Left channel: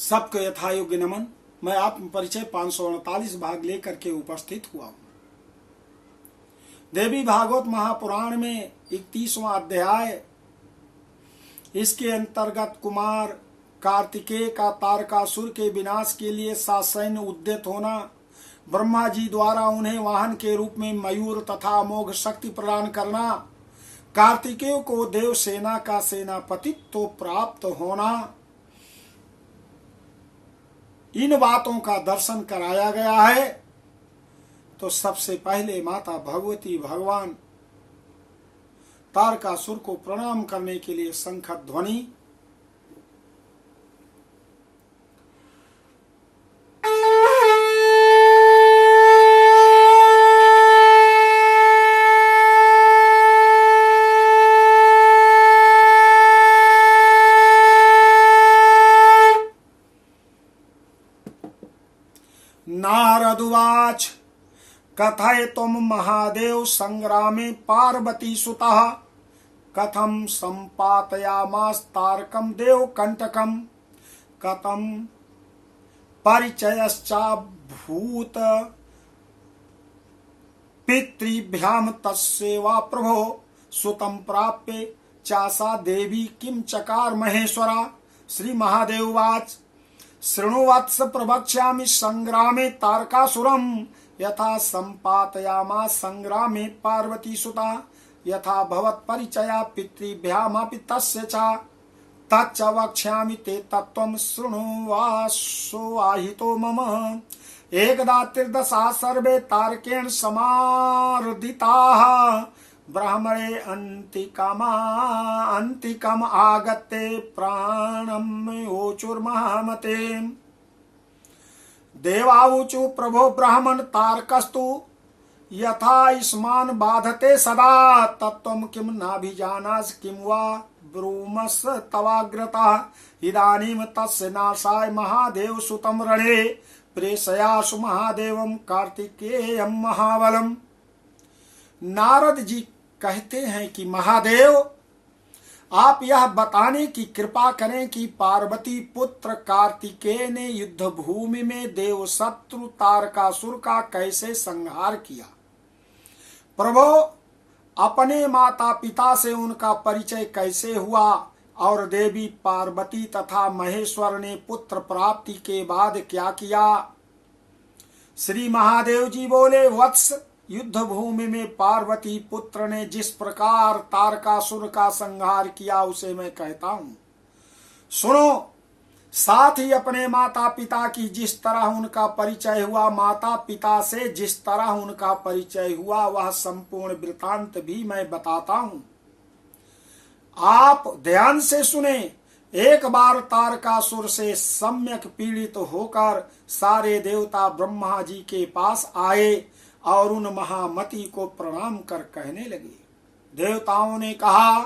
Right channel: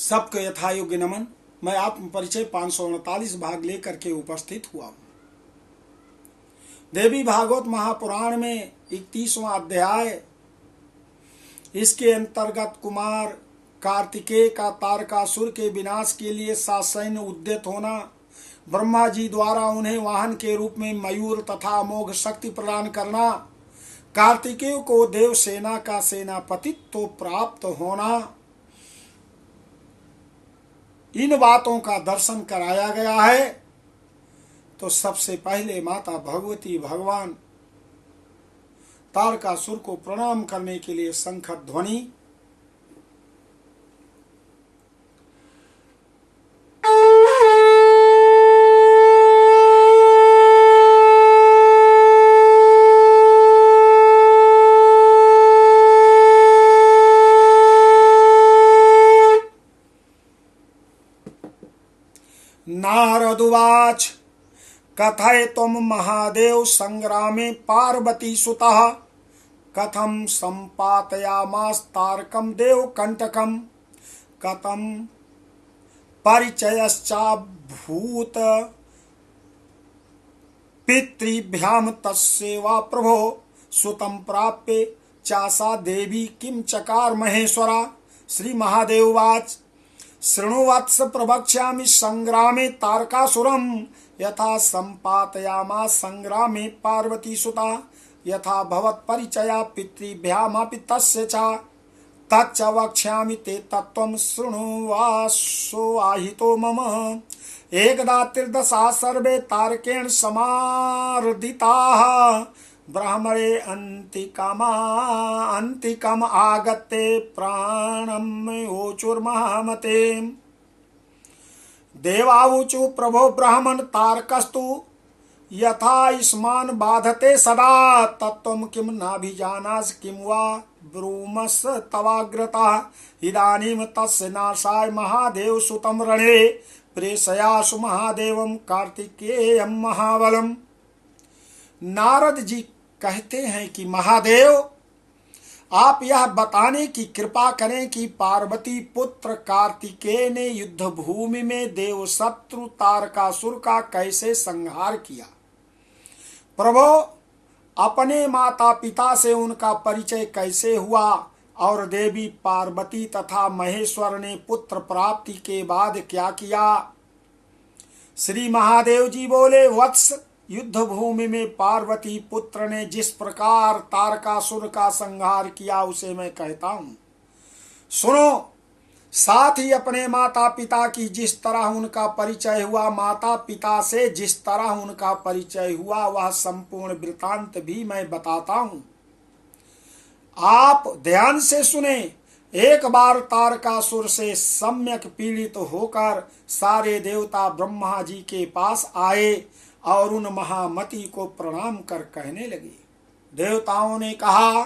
सबको यथायोग्य नमन। मैं आत्म परिचय 539 भाग लेकर के उपस्थित हुआ हूँ। देवी भागवत महापुराण में 31वां अध्याय, इसके अंतर्गत कुमार कार्तिकेय का तारकासुर के विनाश के लिए ससैन्य उद्यत होना, ब्रह्मा जी द्वारा उन्हें वाहन के रूप में मयूर तथा अमोघ शक्ति प्रदान करना, कार्तिकेय को देव सेना का सेनापतित्व प्राप्त होना, इन बातों का दर्शन कराया गया है। तो सबसे पहले माता भगवती भगवान तारकासुर को प्रणाम करने के लिए शंख ध्वनि। नारदुवाच कथयितुम महादेव संग्रामे पार्वती सुतः कथम संपातयामास तारकम देव कंटकम कथम परिचयश्चाभूत पितृभ्याम तस्सेवा प्रभो सुतम प्राप्य चासा देवी किम चकार महेश्वरा। श्री महादेववाच शृणुवत्स प्रवक्ष्यामि संग्रामे तारकासुरम यथा संपातयामास संग्रामे पार्वती सुता यथा भवत् परिचया पितृभ्यामपि तस्य च तच्च वक्ष्यामि ते तत्त्वं शृणुवासो आहितो मम। एकदा त्रिदशा सर्वे तारकेण समार्दिताः ब्राह्मणे अन्तिकम आगत्ते प्राणम ओचुर्महामते। देवावुचु प्रभो ब्राह्मण तारकस्तु यथा इस्मान् बाधते सदा तत्त्वं किं नाभिजानासि किं वा ब्रूमस् तवाग्रतः। इदानीं तस्य नाशाय महादेव सुतं रणे प्रेषयासु महादेवं कार्तिकेयं महाबलम्। नारद जी कहते हैं कि महादेव, आप यह बताने की कृपा करें कि पार्वती पुत्र कार्तिकेय ने युद्ध भूमि में देव शत्रु तारकासुर का कैसे संहार किया। प्रभो, अपने माता पिता से उनका परिचय कैसे हुआ और देवी पार्वती तथा महेश्वर ने पुत्र प्राप्ति के बाद क्या किया। श्री महादेव जी बोले, वत्स, युद्ध भूमि में पार्वती पुत्र ने जिस प्रकार तारकासुर का संहार किया उसे मैं कहता हूँ, सुनो। साथ ही अपने माता पिता की जिस तरह उनका परिचय हुआ, माता पिता से जिस तरह उनका परिचय हुआ, वह संपूर्ण वृतांत भी मैं बताता हूँ। आप ध्यान से सुने। एक बार तारकासुर से सम्यक पीड़ित होकर सारे देवता ब्रह्मा जी के पास आए और उन महामती को प्रणाम कर कहने लगे। देवताओं ने कहा,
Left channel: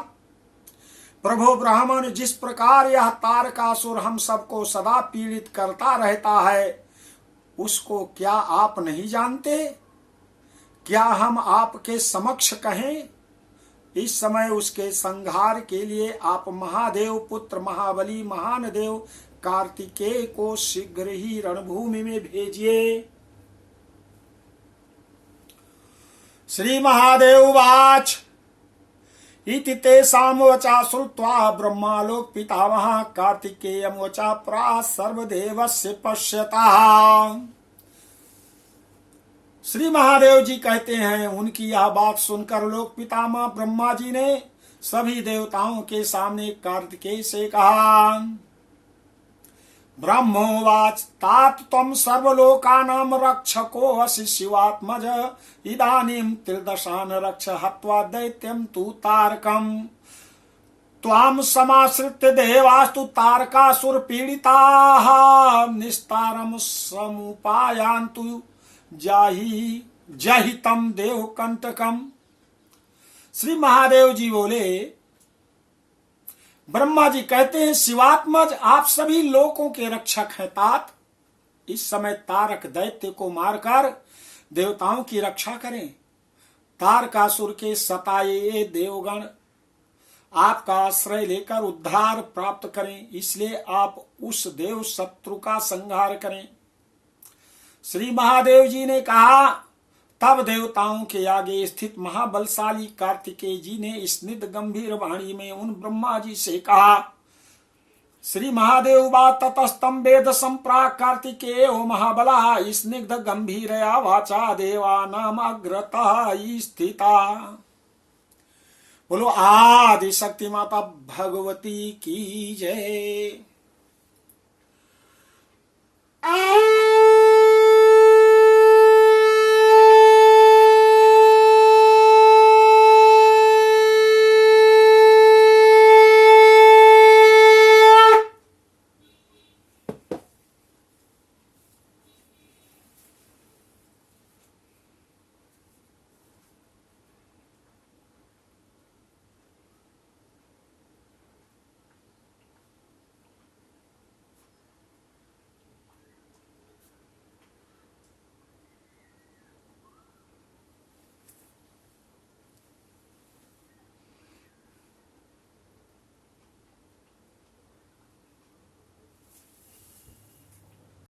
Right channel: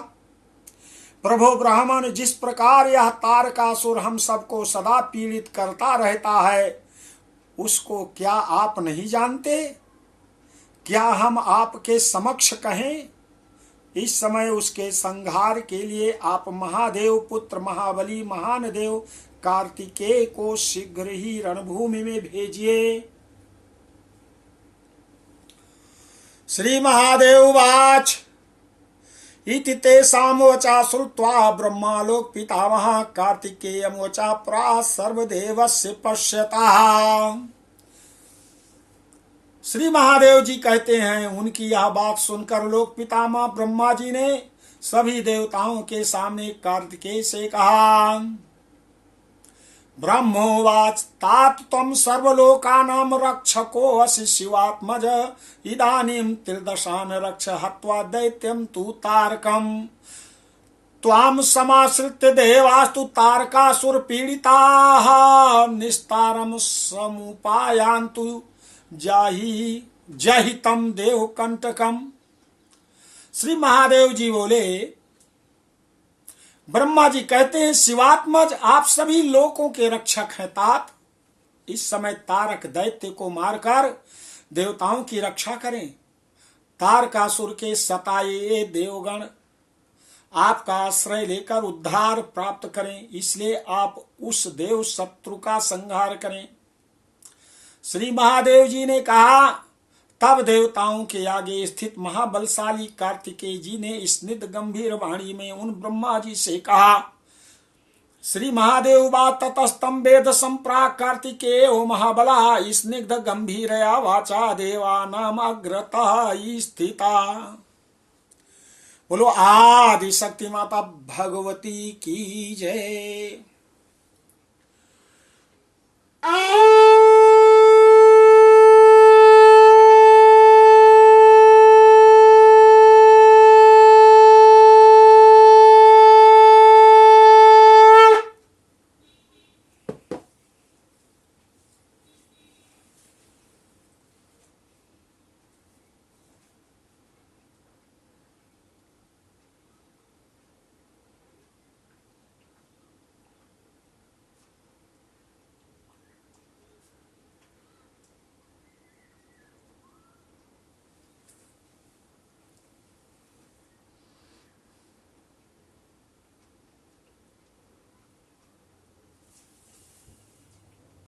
प्रभो ब्राह्मण, जिस प्रकार यह तारकासुर हम सबको सदा पीड़ित करता रहता है, उसको क्या आप नहीं जानते? क्या हम आपके समक्ष कहें? इस समय उसके संहार के लिए आप महादेव पुत्र महाबली महान देव कार्तिकेय को शीघ्र ही रणभूमि में भेजिए। श्री महादेववाच इति तेषां वचा श्रुत्वा ब्रह्मालोक पितामहः कार्तिकेयं वचा प्राह सर्वदेवस्य पश्यतः। श्री महादेव जी कहते हैं, उनकी यह बात सुनकर लोक पितामह ब्रह्मा जी ने सभी देवताओं के सामने कार्तिकेय से कहा। ब्रह्मोवाच तात त्वं सर्वलोकानां रक्षको असि शिवात्मज इदानीं त्रिदशान् रक्ष हत्वा दैत्यं तु तारकम्। त्वां समाश्रित्य देवास्तु तारकासुर पीडिताः निस्तारं समुपायान्तु जहि तं देव कंटकम्। श्री महादेव जी बोले, ब्रह्मा जी कहते हैं, शिवात्मज, आप सभी लोकों के रक्षक हैं। तात, इस समय तारक दैत्य को मारकर देवताओं की रक्षा करें। तारकासुर के सताए देवगण आपका आश्रय लेकर उद्धार प्राप्त करें, इसलिए आप उस देव शत्रु का संहार करें। श्री महादेव जी ने कहा। तब देवताओं के आगे स्थित महाबलशाली कार्तिकेय जी ने स्निग्ध गंभीर वाणी में उन ब्रह्मा जी से कहा। श्री महादेव बा ततस्तम वेद संप्राक कार्तिकेय महाबला स्निग्ध गंभीरया वाचा देवा नाम अग्रतः स्थिता। बोलो आदि शक्ति माता भगवती की जय।